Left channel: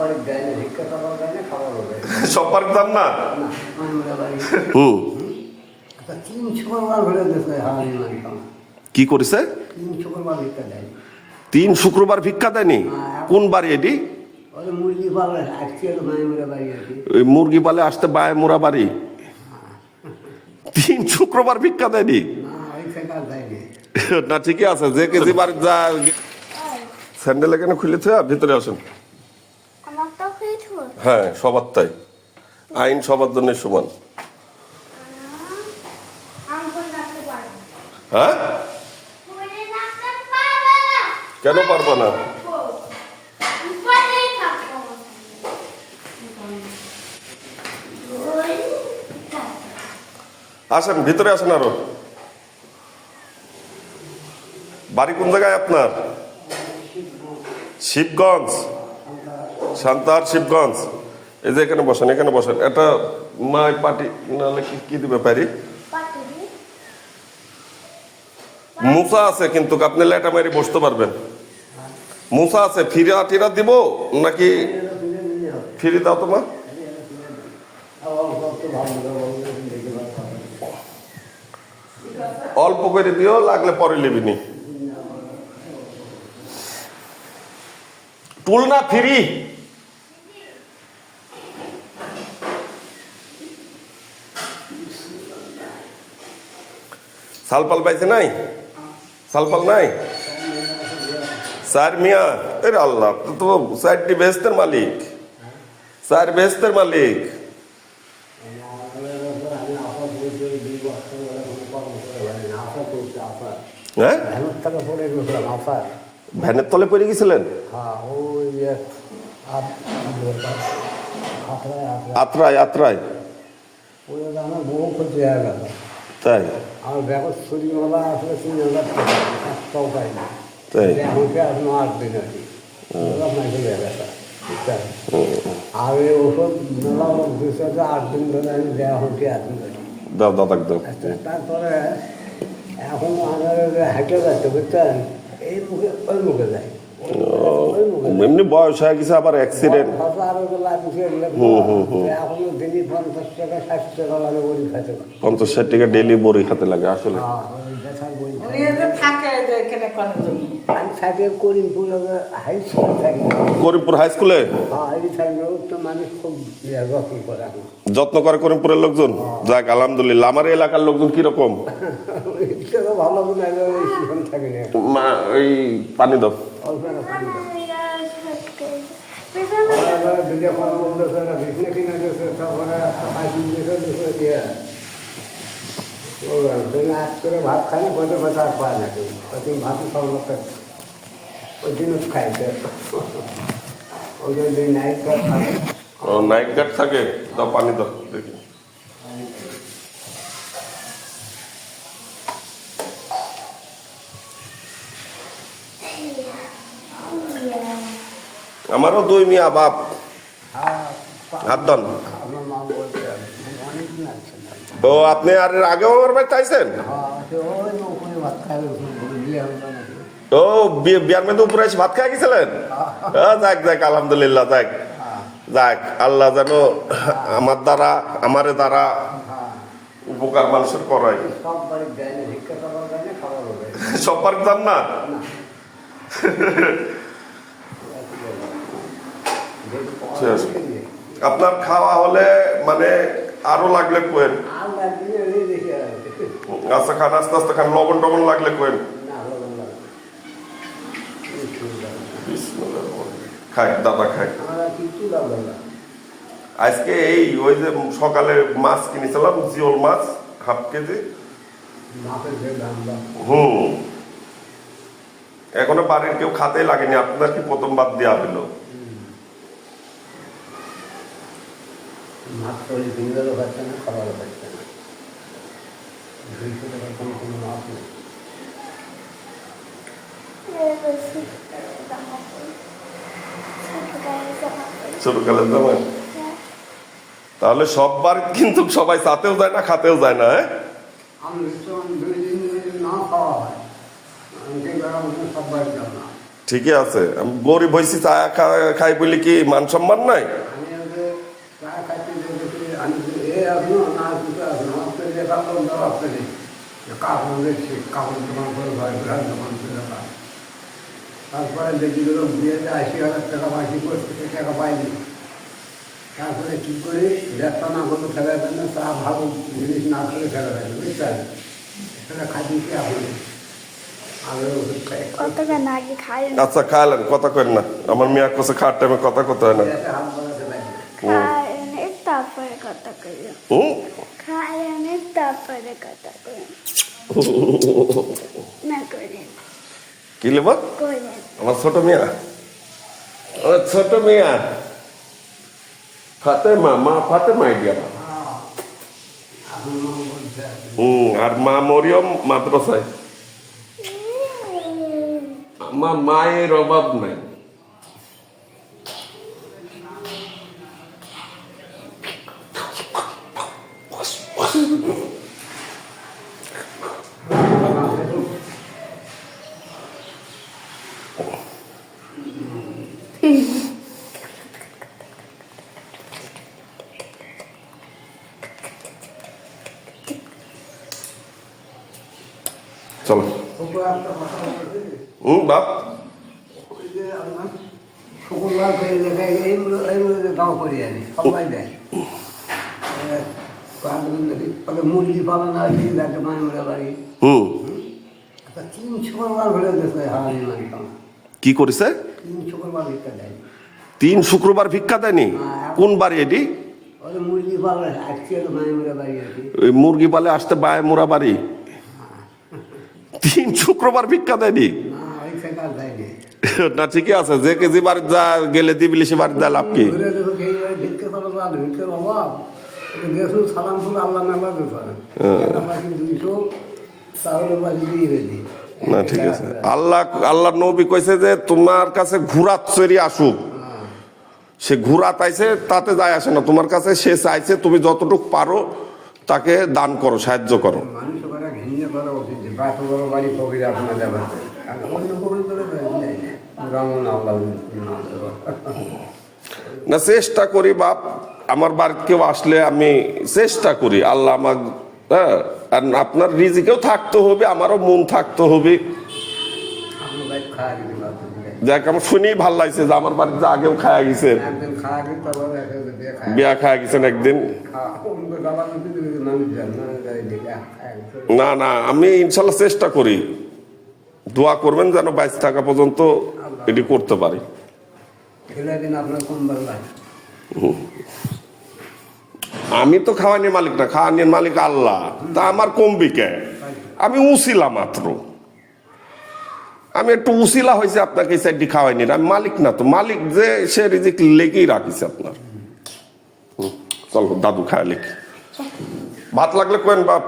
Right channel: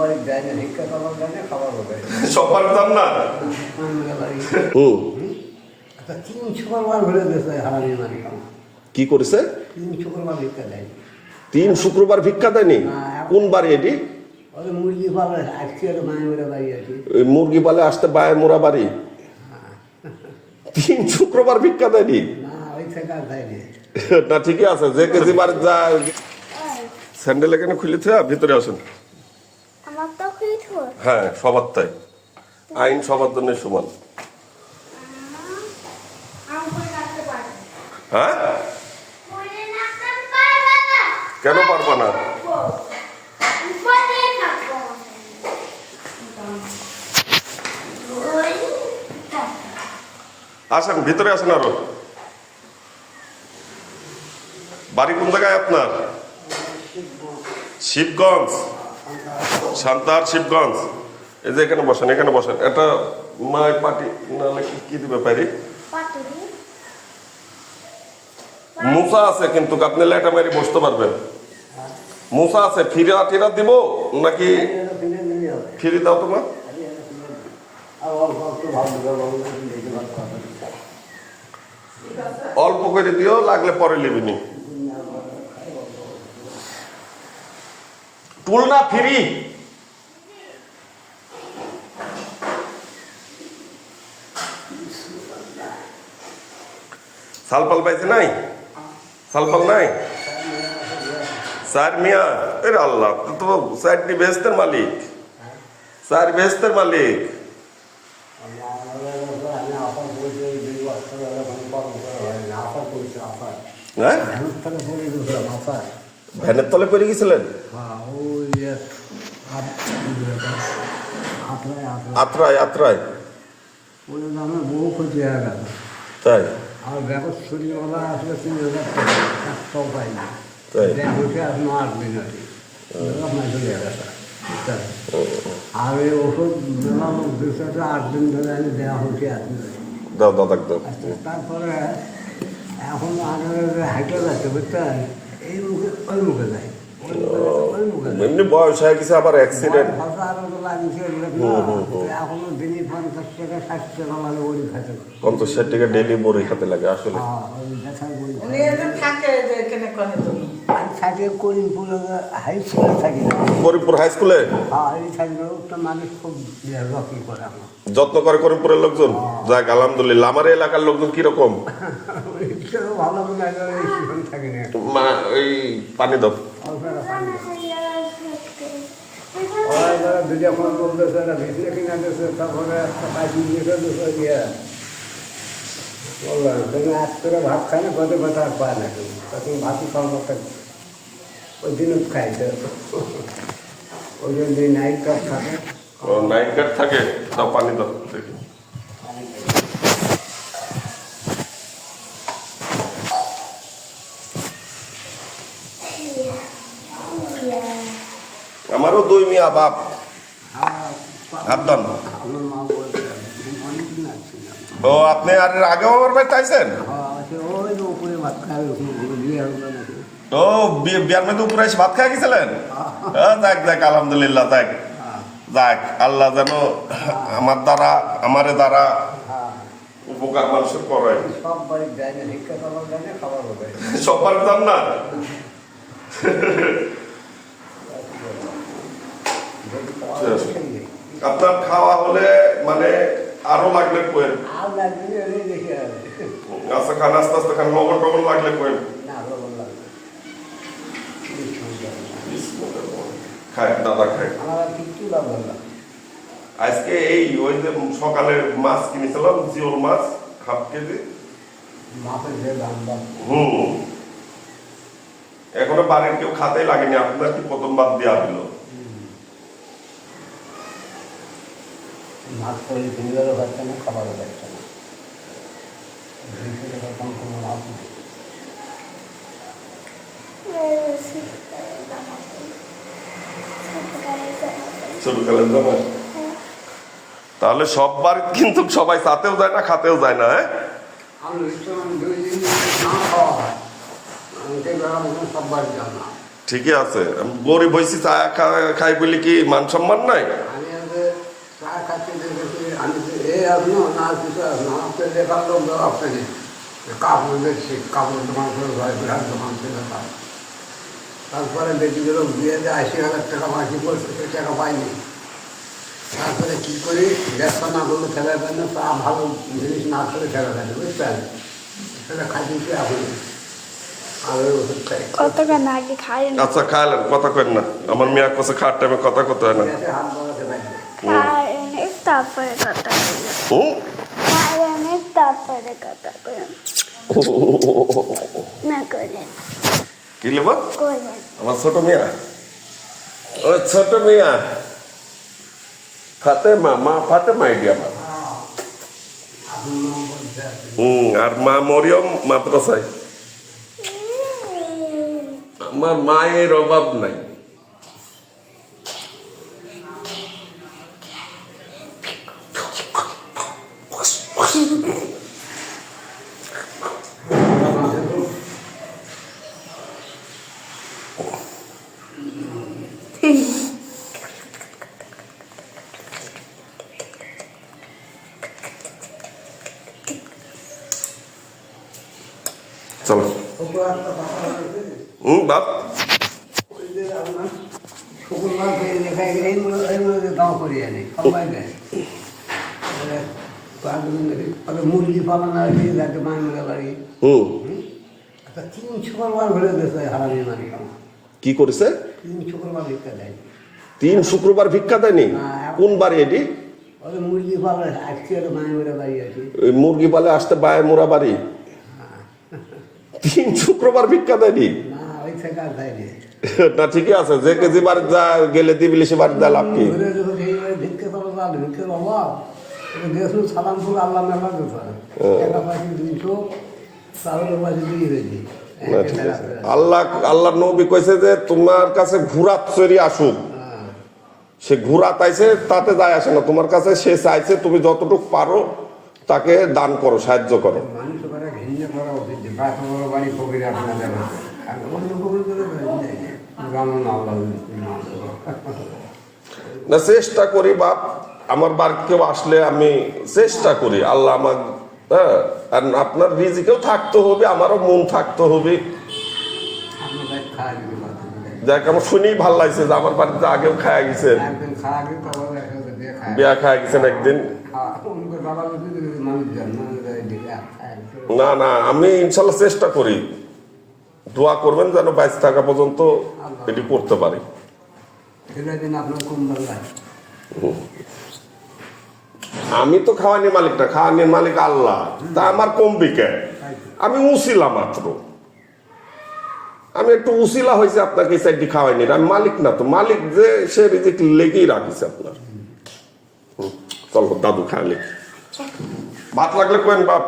বাড়ির যায় না, ভিক্ষা চালাও যায় না, খাবারও যায় না। সব বাড়ির দাম না। হুম 3 শুক্রবার ঘুরে দিয়েছে হারানি মারি খাওয়া। কি করেছে? 3 শুক্রবার ভিক্ষা দেয়। 3 শুক্রবার ভিক্ষা দেয়নি? কোন বাড়ি এটি? ওদের মুরগি পালে আসছে মায়ের মেরে বাড়ি আছে। ওই মুরগি পালে আসতে বায় মোরা বাড়ি 3 শুক্রবার ভিক্ষা দেয়নি? না ওই থেকে আর দেয়নি। না ঠিকই আছে, যে কেজি বাড়ি যা স্যান্ডেল এখানে খুলেছে, ভিতরে আসুন। হ্যাঁ সবার তাই, আইন সবার জন্য সমান। হ্যাঁ কেন পারবা না? আসেন ভিতরে আসেন। আরো বাড়ি কোন জায়গায় আপনার? শিবগঞ্জ, সান্তাহার শিবগঞ্জ। এই যে এখানে বসেন, এখানে বসেন। এটা মায়ের পাটি নাহলে কি দিবে পারি? মুসা আছে কিন্তু আপনি লেটা মেরে বসতে পারবেন। মুসা আছে, ফিরা টিরা দিব নাকি? ফিরি দাও তোমার। অল্প করে দিও, লাগলে পরে লিবিনি। টুল না ফিরি। সালপাল পাইছে নাই? সালপাল নাই? স্যার মিয়া এর আল্লাহ তো স্যারটি বেহেস্তের মালিক, স্যার বেহেস্তের মালিক। হ্যাঁ ভ্যানের তলে পড়ে গেছিলেন? আত্রায় আত্রায় আমার বহু ক্ষতি হয়ে গেল। তাই? আর ব্যাগের শরীরওয়ালা আসলে 3,000 টাকা পাই না। তাই ব্যাগ হচ্ছে এখন 8 দিন আছে, চলে গেছে। আর এই ওষুধ মেলা লোক দিচ্ছে 8 দিন ধরে আমি দেওয়া হচ্ছে এখন। দাও দাও দাও। তারপরে এখন আমার হাইটে যাচ্ছে বুঝছেন, এই মুখে ওই মুখে যায়, এমনি বয়স হয়ে গেছে, আবার অ্যাক্সিডেন্ট। এখনো ডেলি 50 টাকা 60 টাকা লাগে বড়ি খাইতে, 50-60 টাকা ডেলি বড়ি খেতে লাগে আসলে। আমি থাকি করিমপুর হাই স্কুলে থাকি। করিমপুর হাই স্কুলে? হ্যাঁ এই থাকি, মানুষ খুব যত্ন করে আমার। যত্ন করে করিমপুরের লোকজন? যাক আলহামদুলিল্লাহ। আমার এলাকার লোকজন কিরকম? ভালো থাকে না। এই পানি দাও। ভিডিও ফোন বলতেছে, ভিডিও কিনা দিয়েছে, তারপরে বললাম তুমি আজ করে ভাত খাই না, কত কথা আর পায় না কেউ। তখন ভাতই খাওয়া ওই দিন খাইতে, ওই দিন নাইট গার্ড থাকে। ও নাইট গার্ড থাকে, তাও পানি দাও দেখি। আমারও 2 মিয়া বাপ আব্বাম। আমার মা বলতে অনেকদিন আসছে না। ও আপনি আর আগেও আমার বাড়িতে আইছেন? ওই উপরে ভাত খাই, ও বিয়ার মধ্যে উপরে এসে ভাত খাই গেছিলেন? যাক যাক আলহামদুলিল্লাহ। যাক যাক, আল্লাহ যেন আমার দ্বারা আমারে দ্বারা উপকার মানুষের করাই। সব বাড়ির যায় না, ভিক্ষা চালাও যায় না, খাবারও যায় না। সব বাড়ির দাম না। আপনার খাওয়া হলে মানে আরো লাগলে কোয়েন? আর লাগবে দেখে আচ্ছা খান, আস্তে আস্তে খান। লবণ টবণ লাগলে কোয়েন? না, লবণ লাগবে খায় দাদা খায়। আমার কিছু লবণ না। আজকে এই ওই যে সকালে মাছ কিনেছিলাম, জিওল মাছ 1/2 কেজি। মাছের যে দাম এখনো বাড়ির কেউ খাতে লাগেনি, আপনার কি প্রথম বাদ দেওয়া হলো? মাছ তৈরি কিনবেও পাচ্ছে না, খাবারও পাচ্ছে না। 200 টাকা কম কোনো লাভ নেই। ছোটকালের দাম। তাহলে সব বাড়ি কিন্তু সবাই চাতেও যায় না, খাতেও যায় না। হ্যাঁ আমি 2 দিন না খাওয়া হয়, সব বাড়ি যাও না। ঠিকই আছে আমি গরিব হয়েছি চা খাই বলি কি মান সম্মান নাই আমি আগে চা খাচ্ছি দেখেছি আমি এ আসলো না কিছু আসলো আমাকে দেখার লোক দেওয়া আপনাকে কাপড় দেখছি কাপড় দোকান করে ভাই বিরাট দোকান থেকে কাজ তারপরে দেখি গেল বিয়েতে ৮০,০০০ টাকা বাকি করছে সে টাকা পাইনি তারপরে কী করি ব্যবসা না করলে খেলা যায় না চা ভালো জিনিস না খেলে খেলা যায় বুঝলেন সেটা খাইছি এখন আগে ওষুধ খাই কতক্ষণ আগে খাই আচ্ছা খাইলেন কথা কেন না আমার মেয়া কাছে খাওয়ার টাইমে কথা কত হয় না হাত বাড়াতে পারি তারপরে কথা করি হুম? তারপরে কথা করি না করেন কি লেবা করেন আমার ছোট মেয়া ও ছোট মেয়া ফাতেমা মা ফাতেমা আইডিয়া আমার এখন নাম বলছে আর মা মরিয়ম মাদ্রাসায় আমার মায়ের অভাব নাই চলো বাপ শুক্রবার করে দেখাই এইগুলো গাঁও করে জানি সবাই দেয় মুরগি পালন আর কি লাগে মায়ের বাড়ি হুম 3 শুক্রবার ঘুরে দেশে হারানি মারি কি করেছে 3 শুক্রবার ভিক্ষা দেয় 3 শুক্রবার ভিক্ষা দেয়নি কোন বাড়ি এটি ওদের মুরগি পালন আজকে মায়ের বাড়ি আছে ওই মুরগি পালে আসতে বায় মোরা বাড়ি 3 শুক্রবার ভিক্ষা দেয়নি না ওই থেকে আর দেয়নি না ঠিকই আছে যে কেজি বার যা গেলে দিবিলি সে বার দেয় লাভ কি ঘুরে দেবো ভিক্ষা পালন আর ভিক্ষার অভাব গেছুন সালাম ফুল আল্লাহ মেলা দেবে একটা পাখি 200 চাউলের পাখি 2 কেজি না ঠিক আছে আল্লাহ নবী কইছে যে তোমার কাছে ঘোড়া চড়ি আসুক সে ঘোড়া তাইছে তাতে যায় আসে না তোমার কাছে সে চাইছে তুমি যতটুকু পারো তাকে দান করো সাহায্য করো মানুষ ওরা ঘিঞ্জে করা উচিত যে বাত বড় বাড়ি কবির আপনার দেখাতে আর অন্য কবির করে রামন আল্লাহ না চেষ্টা করি বাপ আমার বার কেউ আসলে আমি চেষ্টা করি আল্লাহ আমার হ্যাঁ আর আপনার রিজিকেও থাকতে হবে আমারও মন থাকতে হবে আপনার ভাই খাওয়া দিতে যাক আমার শুনেই ভালো লাগছে যে আমার বাড়িতে আগেও খাওয়া গেছেন একদিন খাওয়া দিতে তারপরে দিয়ে খায় বিয়া খাওয়া গেছেন একদিন বাবা মানুষ যান না না না আমি ইনশাল্লাহ চেষ্টা করি দোয়া করবেন যেন 22 টাকা পর্যন্ত এটি করতে পারি দিন আপনার কোন ভালো লাগে আমি তো খাওয়ানির মালিক না খাওয়ানির মালিক আল্লাহ তা আমার কমবি কে আমি উসিলা মাত্র আমি একটু উসিলা হয়েছে আপনাকে সাইডটি খাওয়াইনি আমি মালিক না তো মালিক যে সে রিজিক লেগেই রাখিছে আপনার চলো দাদু খায় লেখি ভাত লাগলে কেন বাপ